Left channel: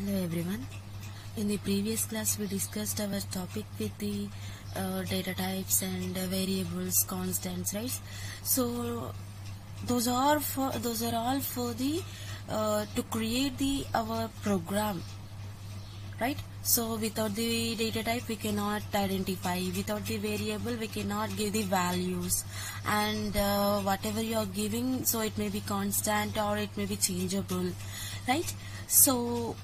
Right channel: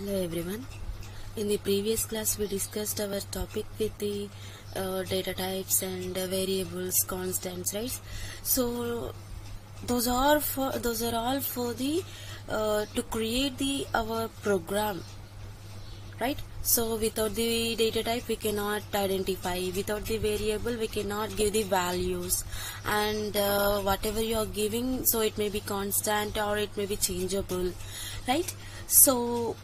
Hello everyone. In the previous class we discussed our topic with the data types and variables, constants, right? So those are all for the to create our program, right? So without the data type we cannot identify, without the variable we cannot give the values, and whatever you are giving, so it may be constant or it may be changeable, right? So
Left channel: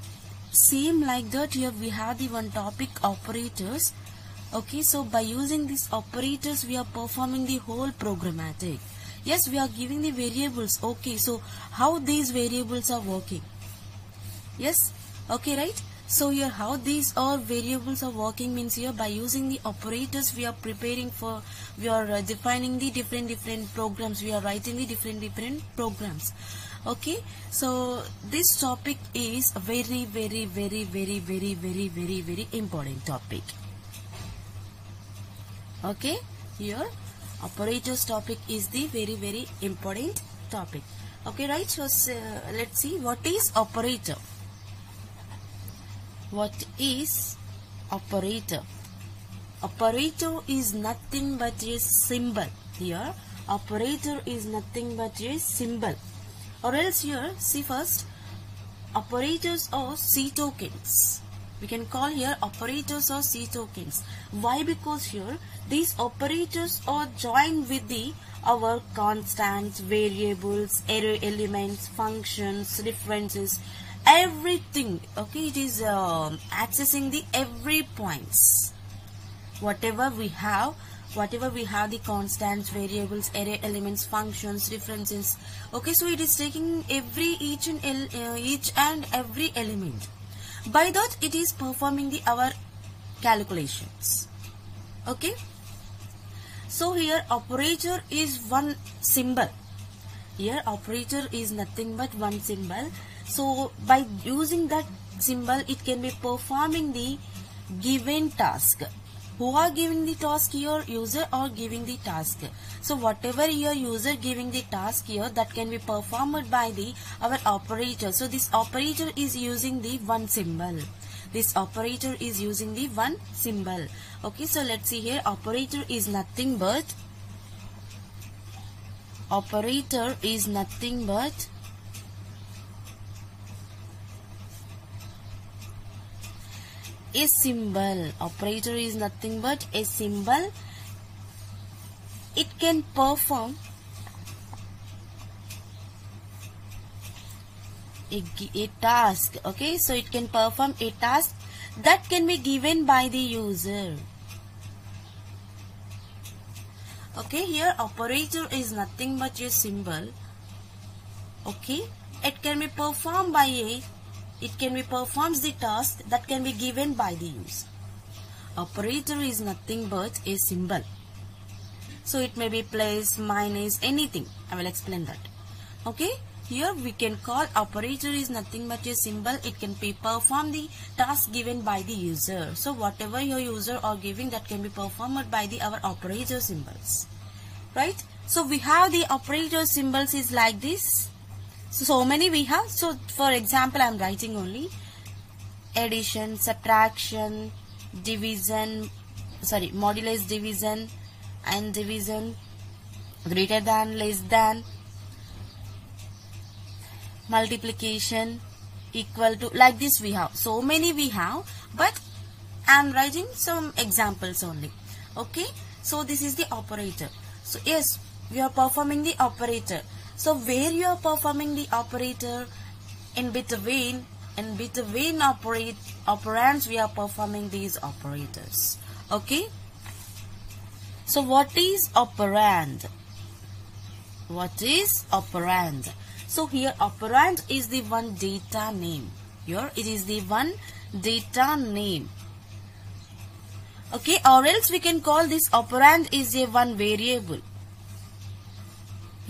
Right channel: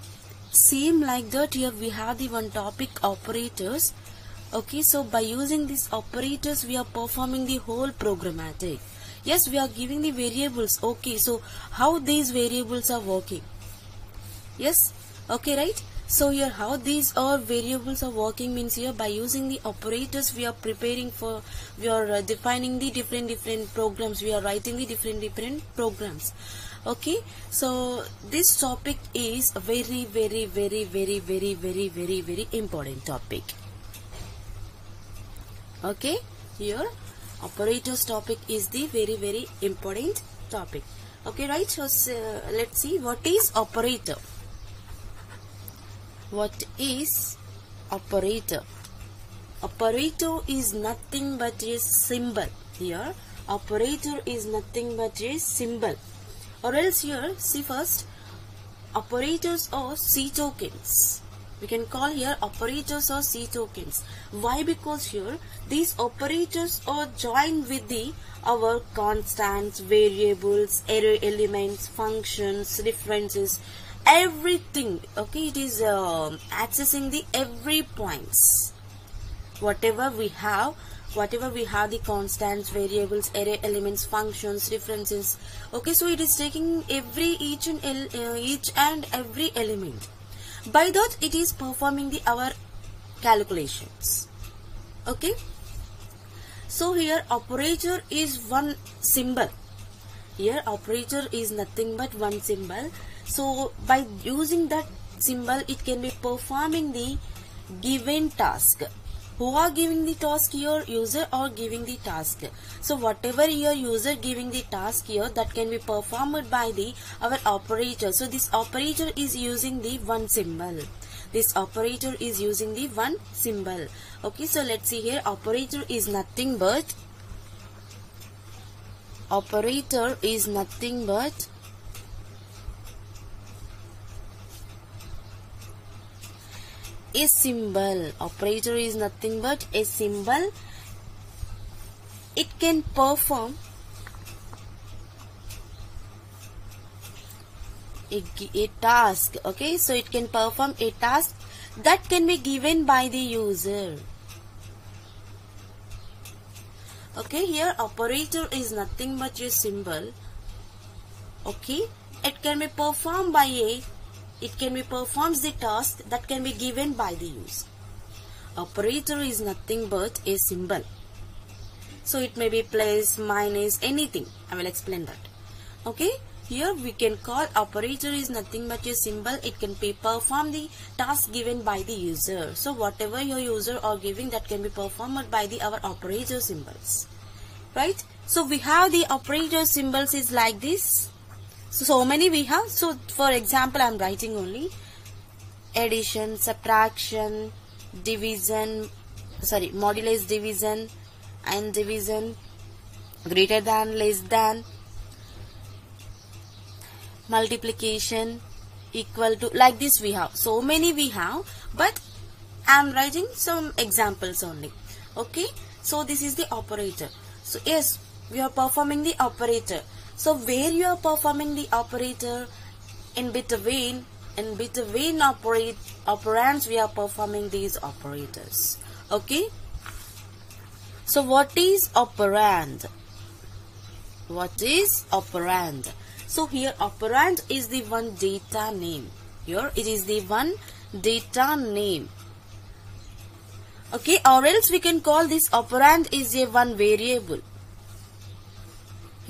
same like that, here we have the one topic, operators. Okay, so by using these operators we are performing the whole programmatic. Yes, we are giving the variables. Okay, so how these variables are working? Yes, okay, right? So here how these all variables are working means, here by using the operators we are defining the different programs, we are writing the different programs. Okay, so this topic is a very important topic. Okay, here operators topic is the very important topic. Okay, right? So let's see what is operator. What is operator? Operator is nothing but a symbol. Here operator is nothing but a symbol. Or else here, see first, operators or C tokens. We can call here operators or C tokens. Why? Because here these operators are joined with our constants, variables, array elements, functions, references, everything. Okay, it is accessing the every points. Whatever we have the constants, variables, array elements, functions, references. Okay, so it is taking each and every element. By that it is performing our calculations. Okay, so here operator is one symbol. Here operator is nothing but one symbol. So by using that symbol it can be performing the given task. Who are giving the task here? User or giving the task. So whatever your user giving the task here, that can be performed by our operator. So this operator is using the one symbol. This operator is using the one symbol. Okay, so let's see here. Operator is nothing but a symbol. Operator is nothing but a symbol. It can perform a task. Okay, so it can perform a task that can be given by the user. Okay, here operator is nothing but a symbol. Okay, it can be performed by performs the task that can be given by the user. Operator is nothing but a symbol. So it may be plus, minus, anything. I will explain that. Okay, here we can call operator is nothing but a symbol. It can be perform the task given by the user. So whatever your user are giving, that can be performed by our operator symbols. Right? So we have the operator symbols is like this. So many we have. So for example, I am writing only addition, subtraction, division, modulus, division, and division, greater than, less than, multiplication, equal to, like this we have. So many we have, but I am writing some examples only. Okay, so this is the operator. So yes, we are performing the operator. So where you are performing the operator, in between operands we are performing these operators. Okay. So what is operand? What is operand? So here operand is the one data name. Here it is the one data name. Okay, or else we can call this operand is a one variable.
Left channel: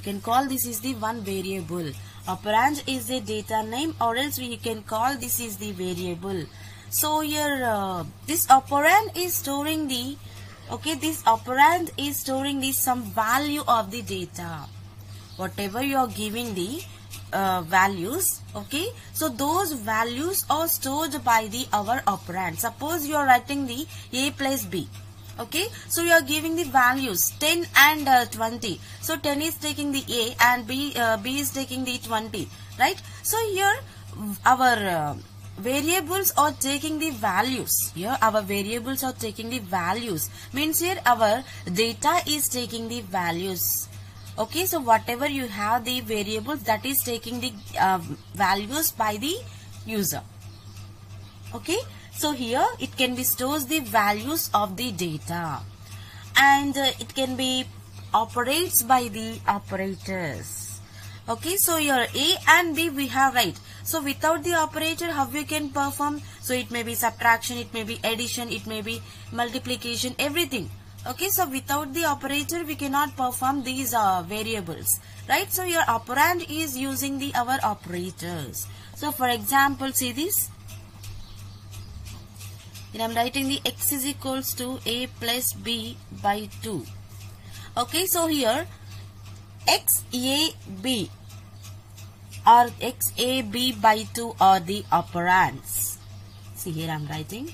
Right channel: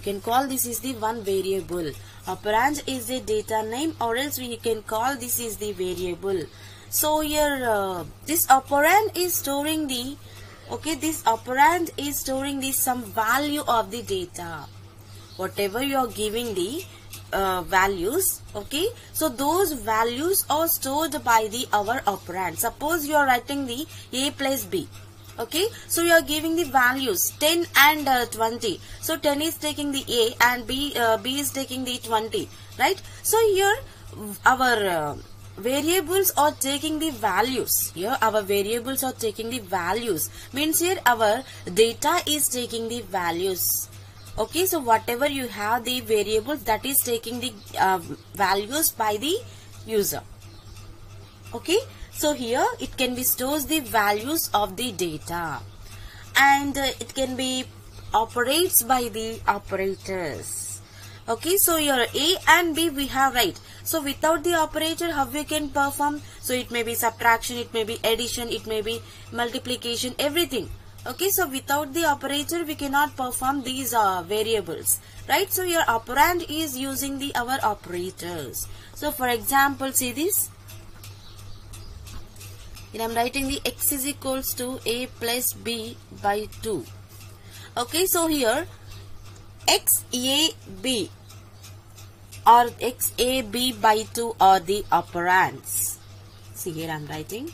Can call this is the one variable. Operand is a data name, or else we can call this is the variable. So here this operand is storing the some value of the data. Whatever you are giving the values. Okay, so those values are stored by the our operand. Suppose you are writing the a plus b. Okay, so you are giving the values 10 and 20. So 10 is taking the a and b is taking the 20, right? So here our variables are taking the values. Here our variables are taking the values. Means here our data is taking the values. Okay, so whatever you have the variables, that is taking the values by the user. Okay, so here it can be stores the values of the data, and it can be operates by the operators. Okay, so your a and b we have, right? So without the operator, how we can perform? So it may be subtraction, it may be addition, it may be multiplication, everything. Okay, so without the operator we cannot perform these variables, right? So your operand is using the our operators. So for example, see this. Here I am writing the x is equals to a plus b by 2. Okay, so here xab or xab by 2 are the operands. See, here I am writing.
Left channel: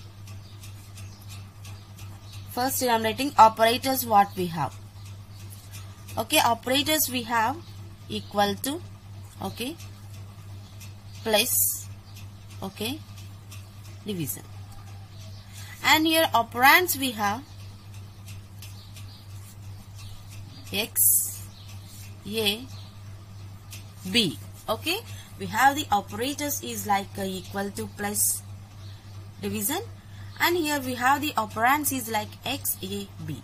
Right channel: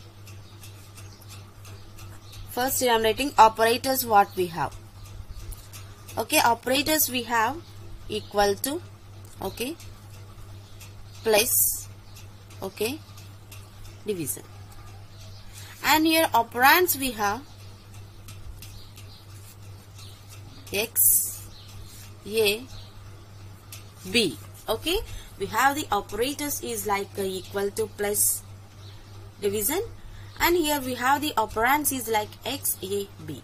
First here I am writing operators what we have. Okay, operators we have equal to, okay, plus, okay, division. And here operands we have x, a, b. Okay, we have the operators is like equal to plus division, and here we have the operands is like x, a, b.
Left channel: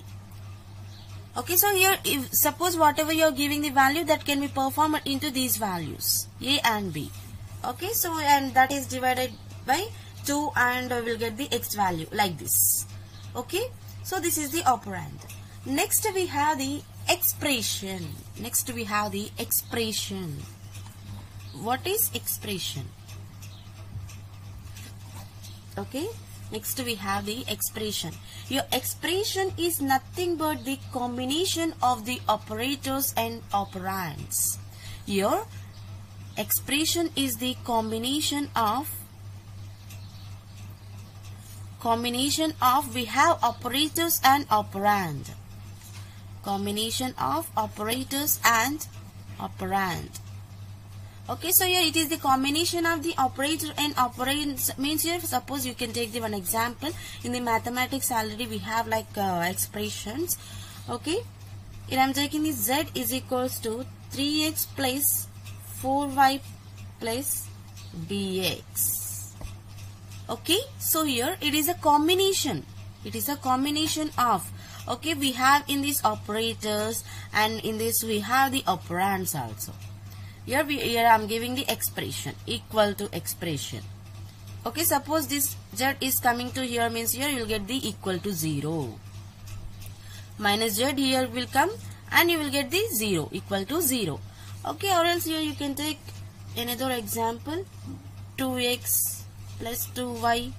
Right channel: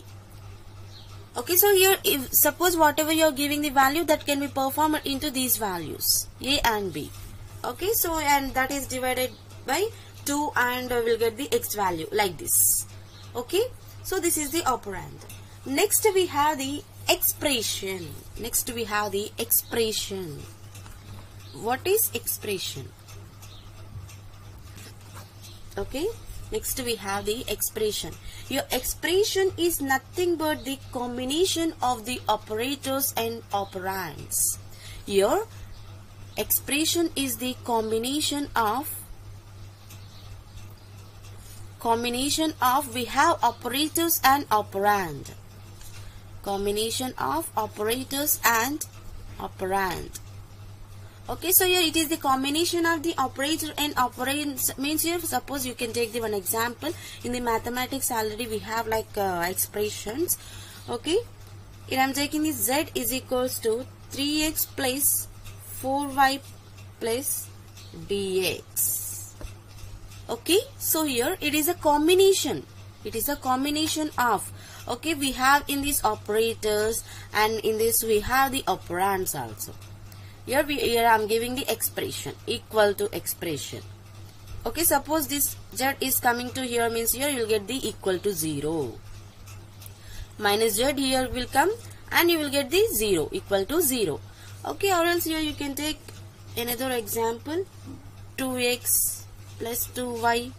Okay, so here if suppose whatever you are giving the value, that can be performed into these values a and b. Okay, so and that is divided by 2 and we'll get the x value like this. Okay, so this is the operand. Next we have the expression. Next we have the expression. What is expression? Okay, next we have the expression. Your expression is nothing but the combination of the operators and operands. Your expression is the combination of we have operators and operand. Combination of operators and operand. Okay, so here it is the combination of the operator and operands. Means here suppose you can take the one example. In the mathematics already we have like expressions. Okay, here I am taking the z is equals to 3x plus 4y plus dx. Okay, so here it is a combination. It is a combination of, okay, we have in these operators and in this we have the operands also. Here I am giving the expression equal to expression. Okay, suppose this z is coming to here, means here you will get the equal to 0. Minus z here will come and you will get the 0 equal to 0. Okay, or else here you can take another example, 2x plus 2y,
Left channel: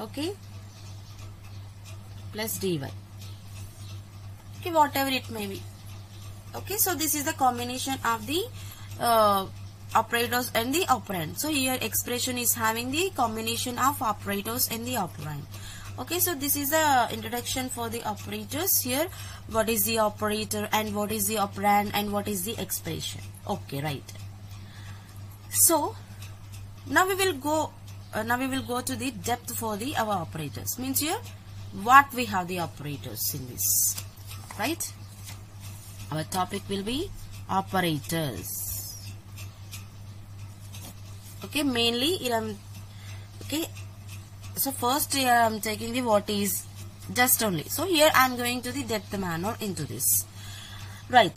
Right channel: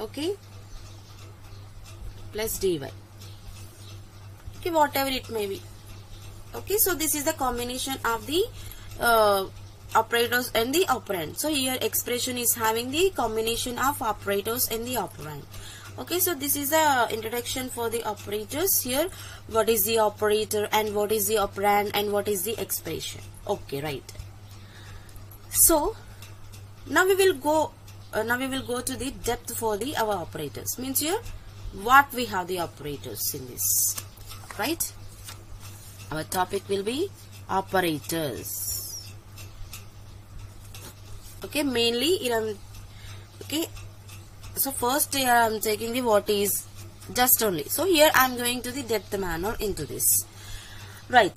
okay, plus dy. Okay, whatever it may be. Okay, so this is the combination of the operators and the operand. So here expression is having the combination of operators and the operand. Okay, so this is the introduction for the operators. Here what is the operator and what is the operand and what is the expression. Okay, right. So now we will go to the depth for the our operators. Means here what we have the operators in this, right? Our topic will be operators. Okay, mainly okay. So first here I am taking the what is just only. So here I am going to the depth manner into this. Right.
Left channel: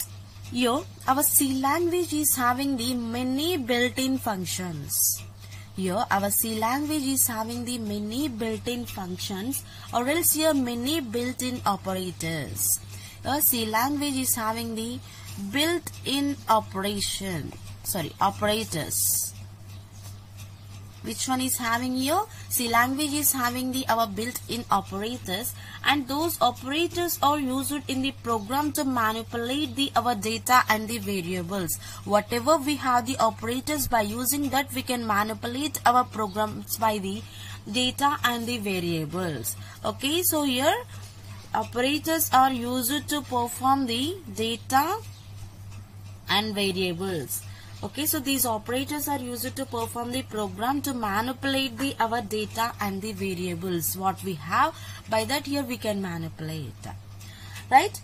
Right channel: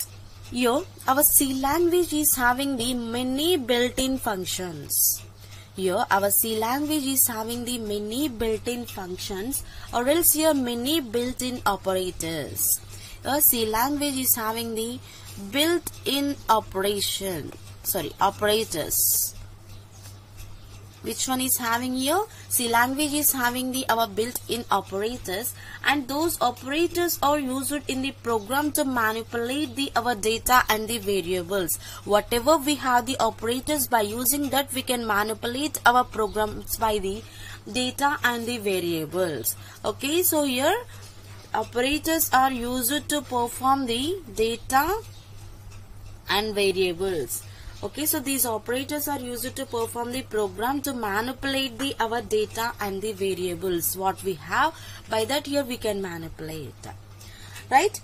Here our C language is having the many built-in functions. Here our C language is having the many built-in functions, or else here many built-in operators. Here C language is having the built-in operators. Which one is having here? C language is having the our built-in operators, and those operators are used in the program to manipulate the our data and the variables. Whatever we have the operators, by using that we can manipulate our programs by the data and the variables. Okay, so here operators are used to perform the data and variables. Okay, so these operators are used to perform the program to manipulate the our data and the variables what we have. By that here we can manipulate, right?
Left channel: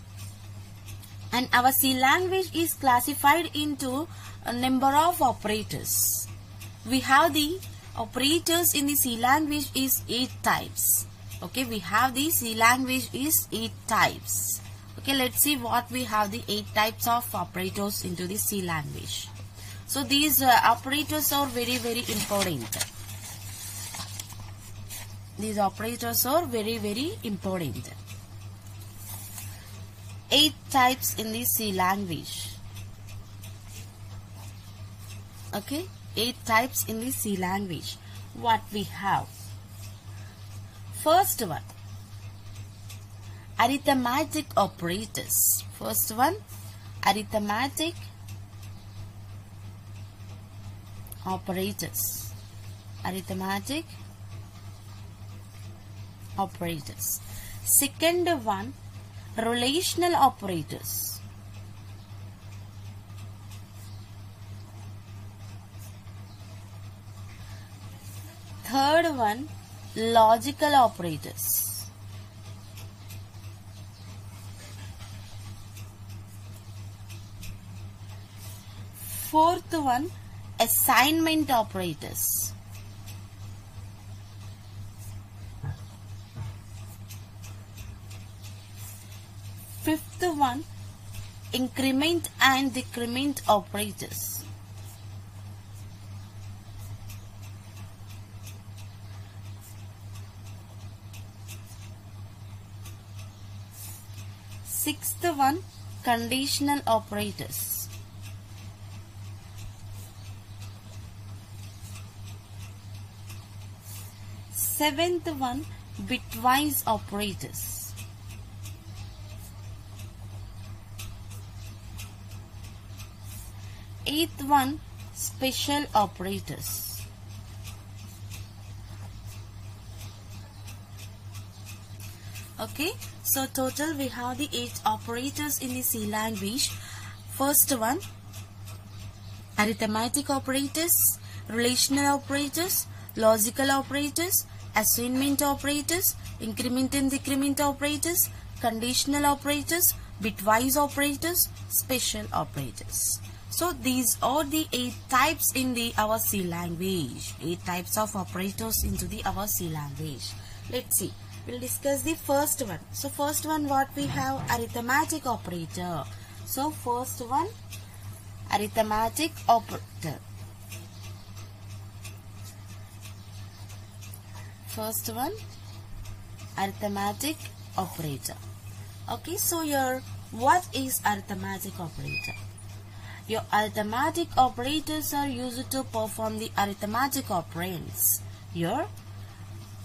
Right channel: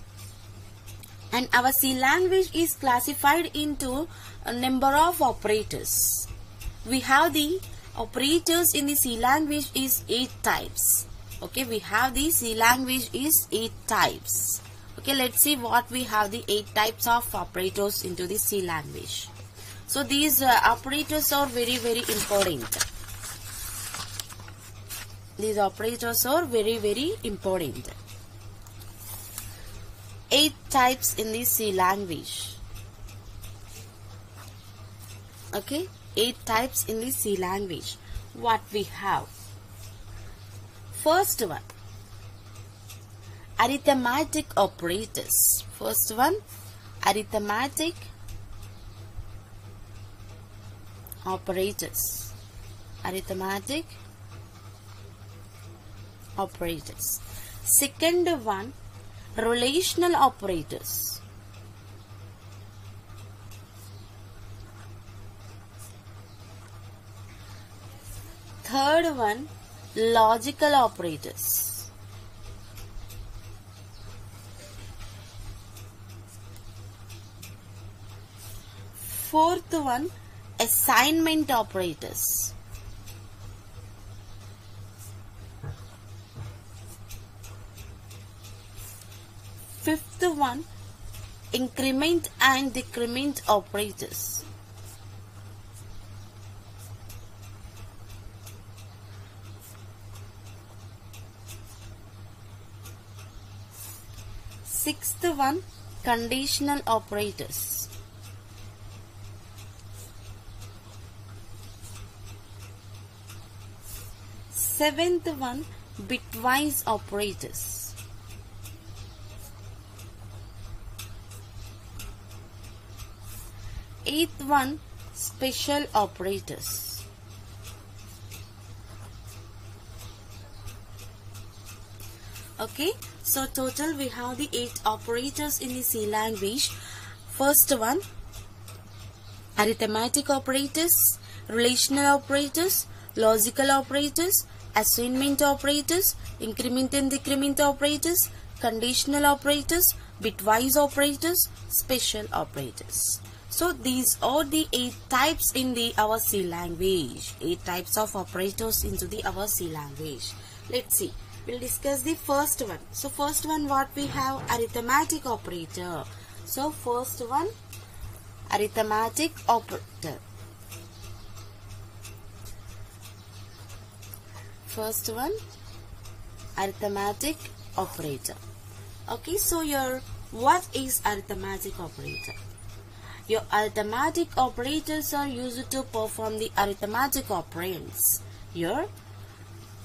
And our C language is classified into a number of operators. We have the operators in the C language is 8 types. Okay, we have the C language is 8 types. Okay, let's see what we have the 8 types of operators into the C language. So these operators are very important. These operators are very important. 8 types in the C language. Okay, 8 types in the C language. What we have? First one, arithmetic operators. First one, arithmetic operators. Arithmetic operators. Second one, relational operators. Third one, logical operators. Fourth one, assignment operators. Fifth one, increment and decrement operators. Sixth one, conditional operators. Seventh one, bitwise operators. Eighth one, special operators. Okay, so total we have the 8 operators in the C language. First one, arithmetic operators, relational operators, logical operators, assignment operators, increment and decrement operators, conditional operators, bitwise operators, special operators. So these are the 8 types in the our C language. 8 types of operators into the our C language. Let's see. We'll discuss the first one. So first one, what we have? Arithmetic operator. So first one, arithmetic operator. First one, arithmetic operator. Okay, so what is arithmetic operator? Your arithmetic operators are used to perform the arithmetic operands. Your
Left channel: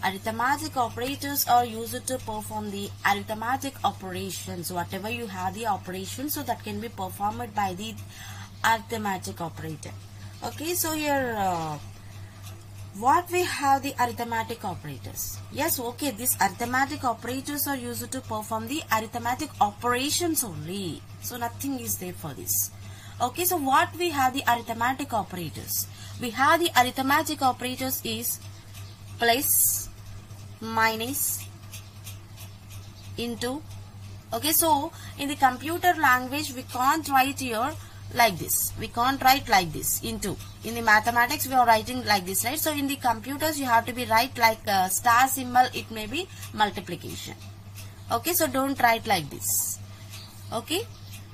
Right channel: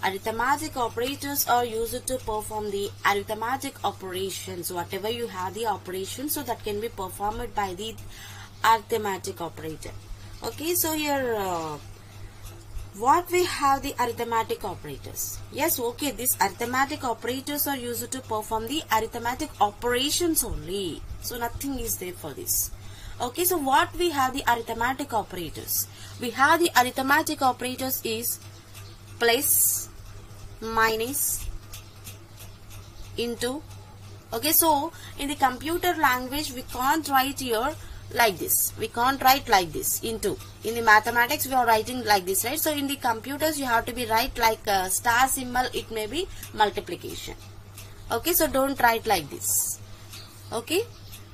arithmetic operators are used to perform the arithmetic operations. Whatever you have the operations, so that can be performed by the arithmetic operator. Okay, so here what we have the arithmetic operators. Yes, okay, these arithmetic operators are used to perform the arithmetic operations only. So nothing is there for this. Okay, so what we have the arithmetic operators? We have the arithmetic operators is plus, minus, into. Okay, so in the computer language we can't write here like this. We can't write like this, into. In the mathematics we are writing like this, right? So in the computers you have to be write like a star symbol, it may be multiplication. Okay, so don't write like this. Okay,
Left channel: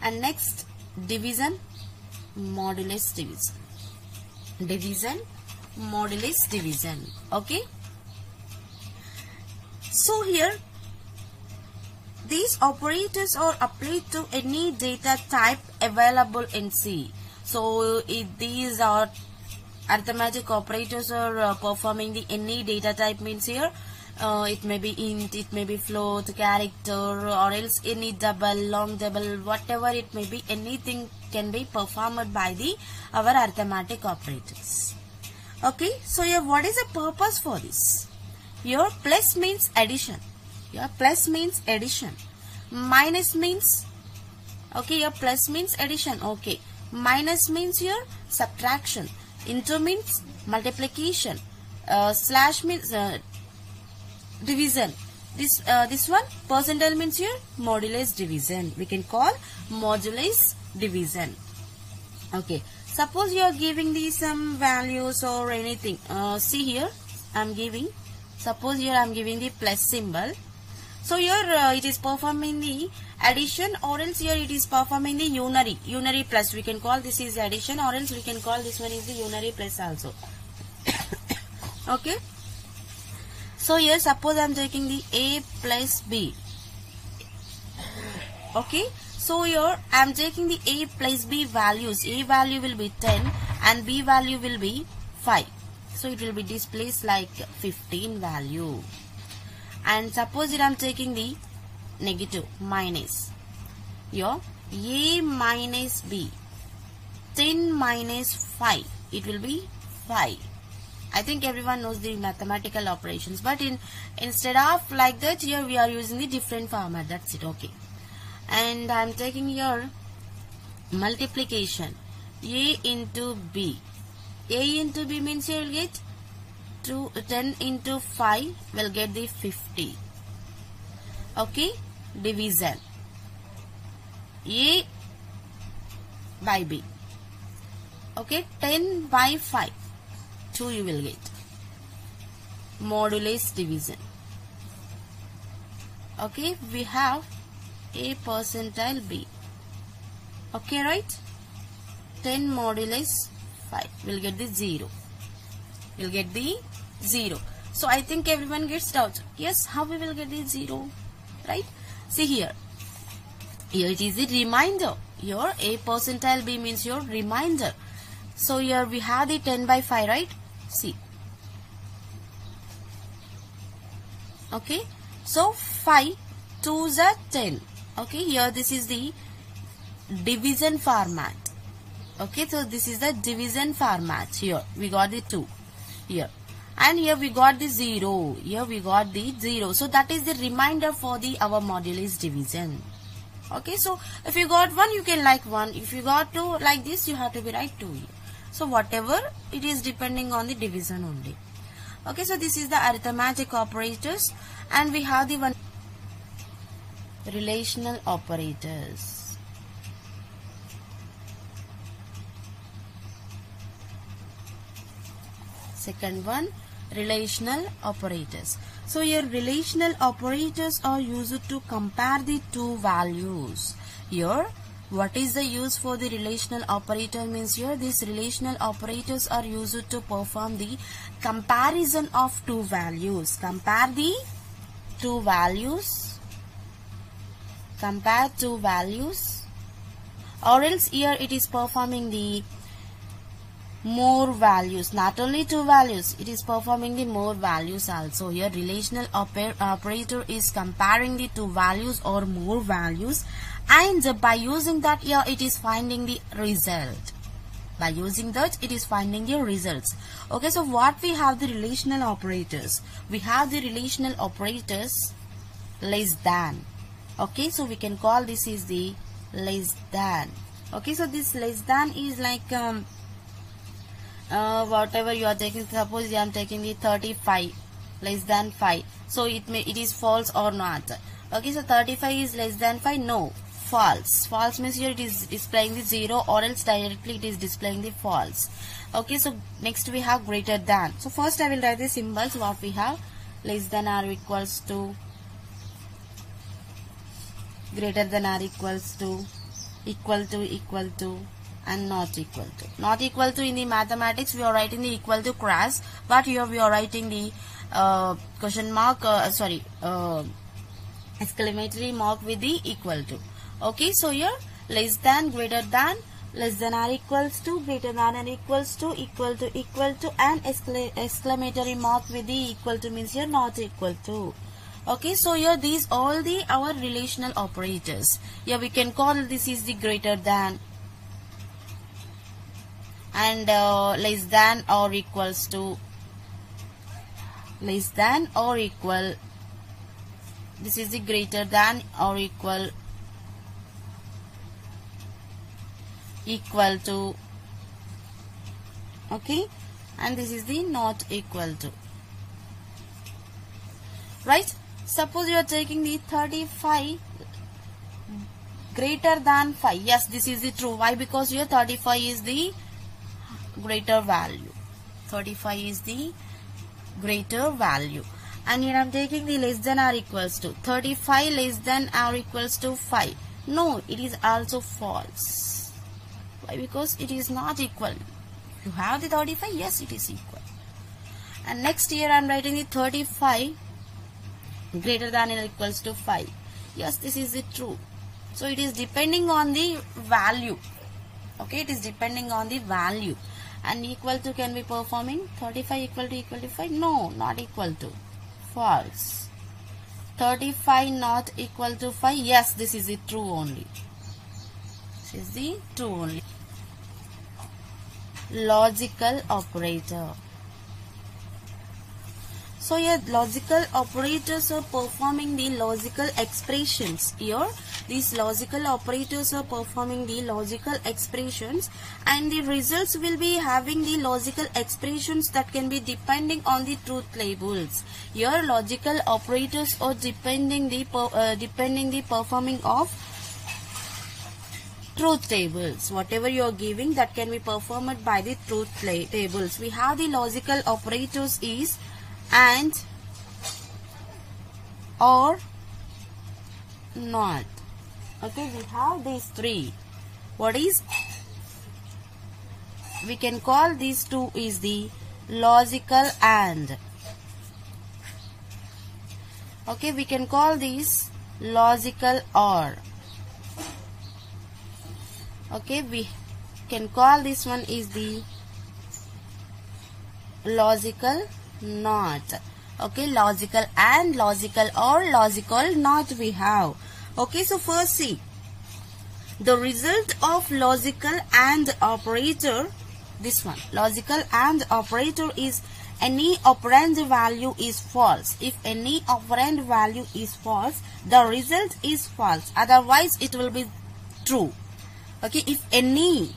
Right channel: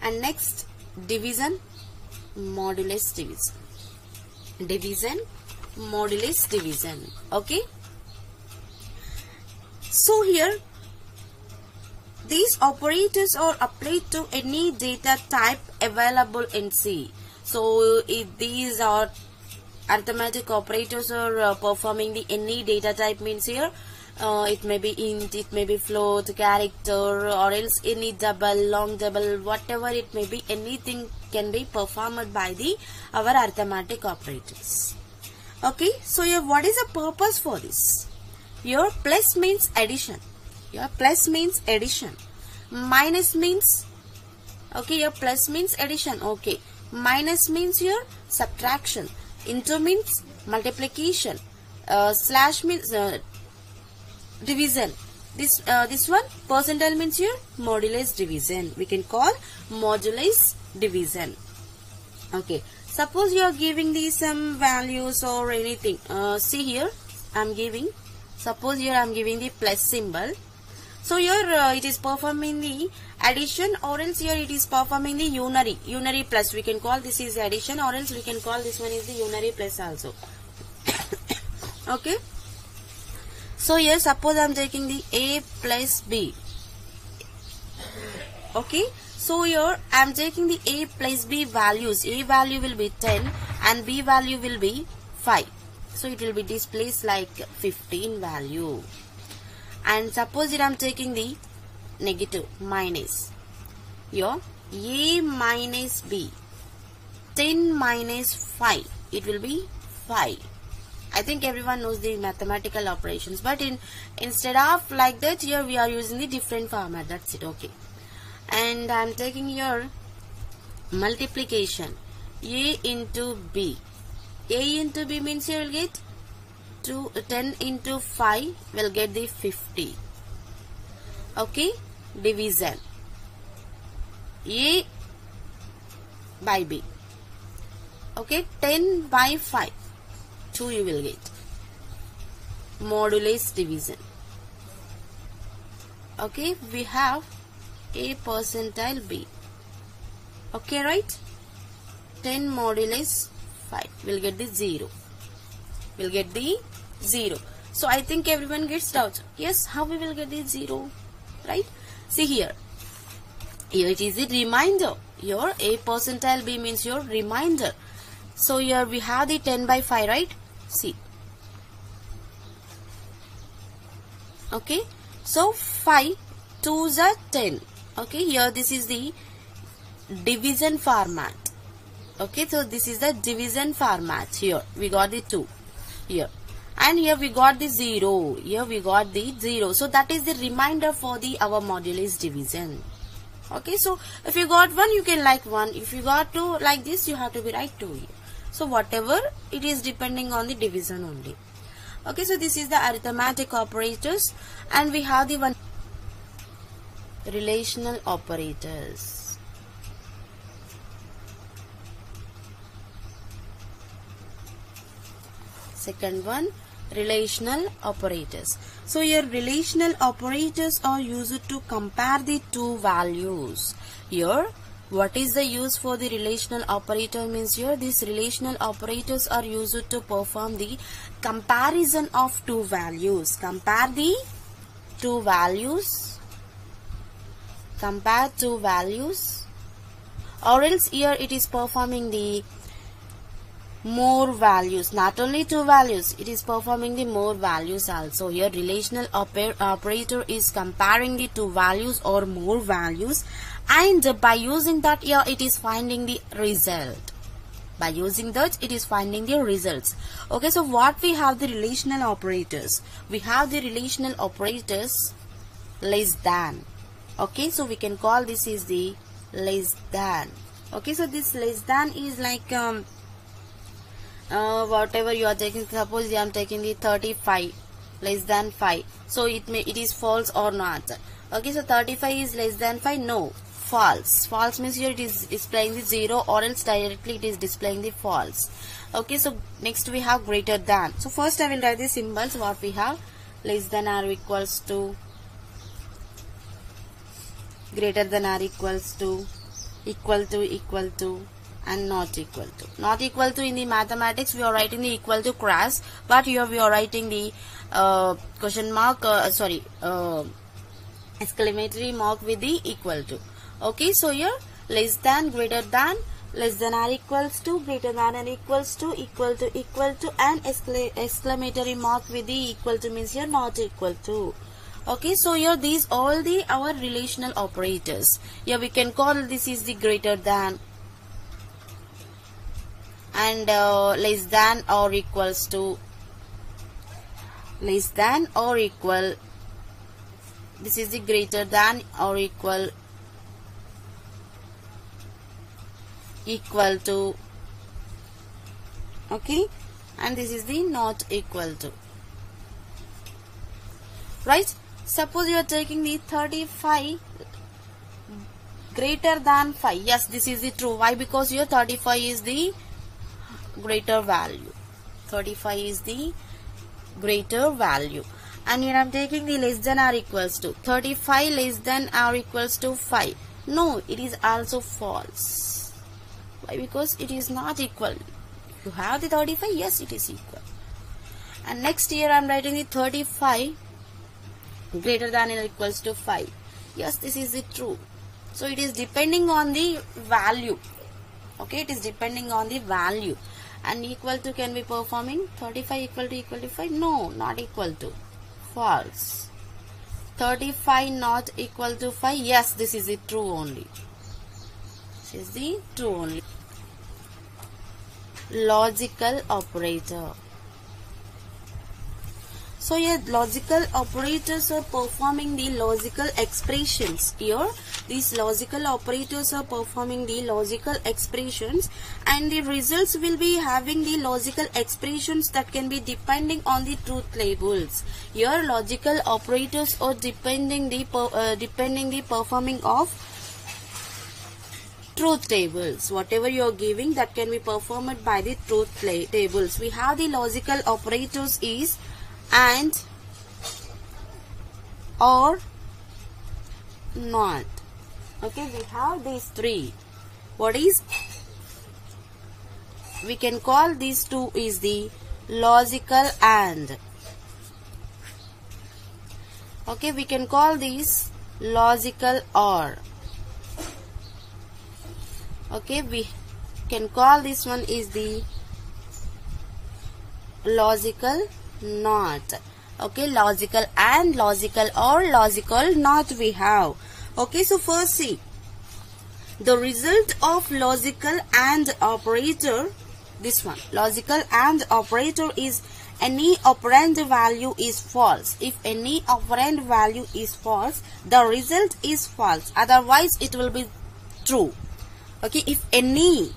and next, division, modulus division. Division, modulus division. Okay, so here these operators are applied to any data type available in C. So these are arithmetic operators are performing the any data type means here it may be int, it may be float, character, or else any double, long double, whatever it may be, anything can be performed by our arithmetic operators. Okay, so here what is the purpose for this? Your plus means addition. Your plus means addition. Minus means, okay, your plus means addition. Okay, minus means your subtraction. Into means multiplication. Slash means division. This one percentile means your modulus division. We can call modulus division. Okay, suppose you are giving these some values or anything. See here, suppose here I am giving the plus symbol. So here it is performing the addition, or else here it is performing the unary plus. We can call this is addition, or else we can call this one is the unary plus also. Okay. So here suppose I am taking the A plus B. Okay. So here I am taking the A plus B values. A value will be 10 and B value will be 5. So it will be displayed like 15 value. And suppose here I am taking the negative minus. Here A minus B. 10 minus 5. It will be 5. I think everyone knows the mathematical operations, but instead of like that, here we are using the different format. That's it. Okay. And I am taking here multiplication. A into B. A into B means you will get 10 into 5 will get the 50. Okay. Division. A by B. Okay. 10 by 5. 2 you will get. Modulus division. Okay. We have A percentile B. Okay, right? 10 modulus 5. We'll get the 0. We'll get the 0. So I think everyone gets doubt. Yes, how we will get the 0? Right? See here. Here it is the remainder. Your A percentile B means your remainder. So here we have the 10 by 5, right? See. Okay. So 5 2s are 10. Okay. Here this is the division format. Okay. So this is the division format. Here we got the 2. Here. And here we got the 0. Here we got the 0. So that is the remainder for our modulus division. Okay. So if you got 1, you can like 1. If you got 2 like this, you have to be write 2 here. So whatever, it is depending on the division only. Okay, so this is the arithmetic operators, and we have the one relational operators. Second one, relational operators. So your relational operators are used to compare the two values. Here, what is the use for the relational operator means here these relational operators are used to perform the comparison of two values. Compare the two values. Compare two values. Or else here it is performing the more values. Not only two values, it is performing the more values also. Here relational operator is comparing the two values or more values, and by using that here it is finding the result. By using that it is finding the results. Okay, so what we have the relational operators? We have the relational operators less than. Okay, so we can call this is the less than. Okay, so this less than is like whatever you are taking. Suppose I am taking the 35 less than 5. So it is false or not. Okay, so 35 is less than 5. No, false. False means here it is displaying the 0, or else directly it is displaying the false. Okay, so next we have greater than. So first I will write the symbols. What we have: less than or equals to, greater than or equals to, equal to, and not equal to. Not equal to in the mathematics we are writing the equal to cross, but here we are writing the question mark, exclamatory mark with the equal to. Okay, so here less than, greater than, less than or equals to, greater than or equals to, equal to, and exclamatory mark with the equal to means here not equal to. Okay, so here these all the our relational operators. Here we can call this is the greater than and less than or equals to, less than or equal. This is the greater than or equal to. Okay, and this is the not equal to. Right? Suppose you are taking the 35 greater than 5. Yes, this is the true. Why? Because your 35 is the greater value. 35 is the greater value. And here I am taking the less than or equals to. 35 less than or equals to 5. No, it is also false. Why? Because it is not equal. If you have the 35, yes, it is equal. And next here I am writing the 35 greater than or equals to 5. Yes, this is the true. So it is depending on the value. Okay, it is depending on the value. And equal to can be performing 35 equal to 5. No, not equal to. False. 35 not equal to 5. Yes, this is the true only. This is the true only. Logical operator. So here logical operators are performing the logical expressions. Here these logical operators are performing the logical expressions, and the results will be having the logical expressions that can be depending on the truth tables. Here logical operators are depending the performing of truth tables. Whatever you are giving, that can be performed by the truth tables. We have the logical operators is and, or, not. Okay, we have these three. What is? We can call these two is the logical and. Okay, we can call these logical or. Okay, we can call this one is the logical not. Okay, logical and, logical or, logical not we have. Okay, so first see the result of logical and operator. This one, logical and operator is any operand value is false. If any operand value is false, the result is false. Otherwise, it will be true. Okay, if any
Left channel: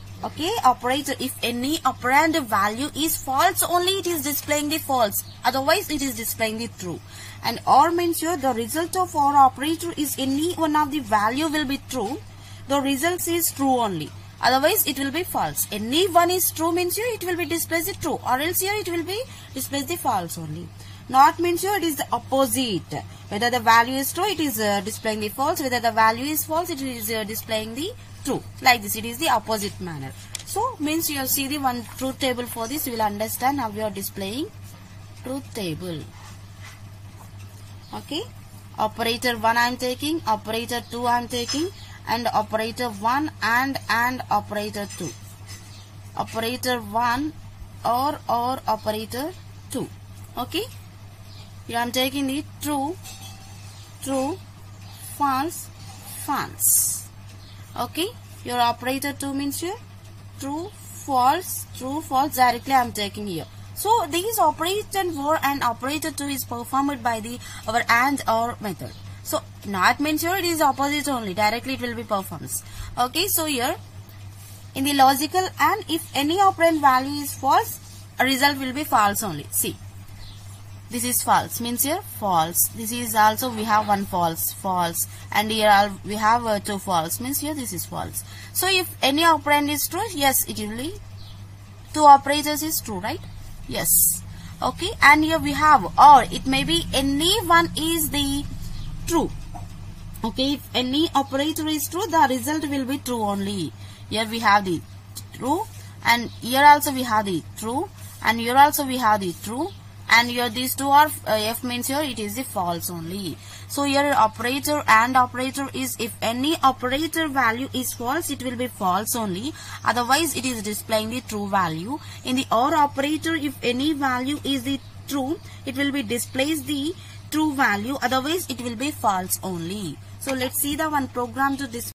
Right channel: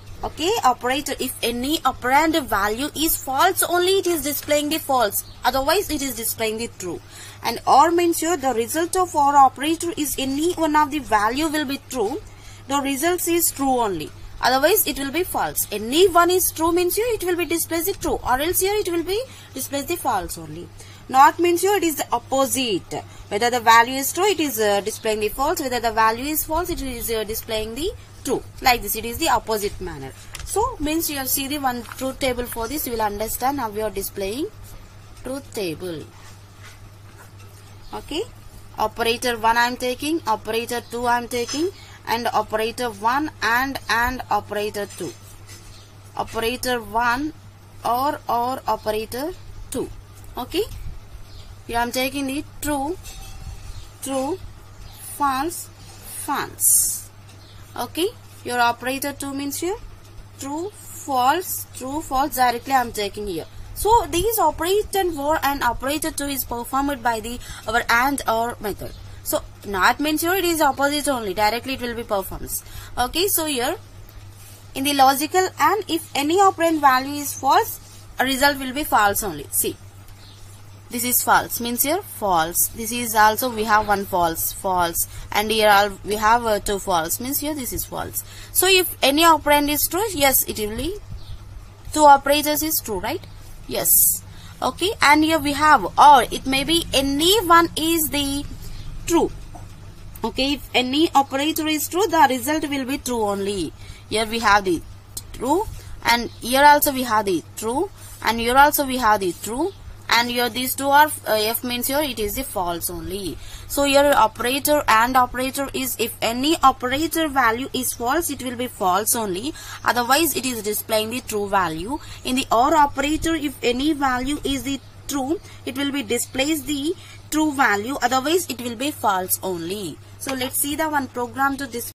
operator, if any operand value is false, only it is displaying the false. Otherwise, it is displaying the true. And or means here the result of or operator is any one of the value will be true. The result is true only. Otherwise, it will be false. Any one is true means here it will be displayed the true, or else here it will be displayed the false only. Not means here it is the opposite. Whether the value is true, it is displaying the false. Whether the value is false, it is displaying the true. Like this, it is the opposite manner. So means you see the one truth table for this, you will understand how we are displaying truth table. Okay, operator 1 I am taking, operator 2 I am taking, and operator 1 and operator 2. Operator 1 or operator 2. Okay, here I am taking the true, false, false. Okay, your operator 2 means here true, false, directly I am taking here. So these operator 4 and operator 2 is performed by the our and or method. So not means here it is opposite only, directly it will be performed. Okay, so here in the logical and, if any operand value is false, a result will be false only. See, this is false means here false. This is also we have one false, and here we have two false means here this is false. So if any operand is true, yes, it will be two operators is true, right? Yes. Okay, and here we have or, it may be any one is the true. Okay, if any operator is true, the result will be true only. Here we have the true, and here also we have the true, and here also we have the true, and here these two are F means here it is the false only. So here operator and operator is, if any operator value is false, it will be false only, otherwise it is displaying the true value. In the OR operator, if any value is the true, it will be displays the true value, otherwise it will be false only. So let's see the one program to display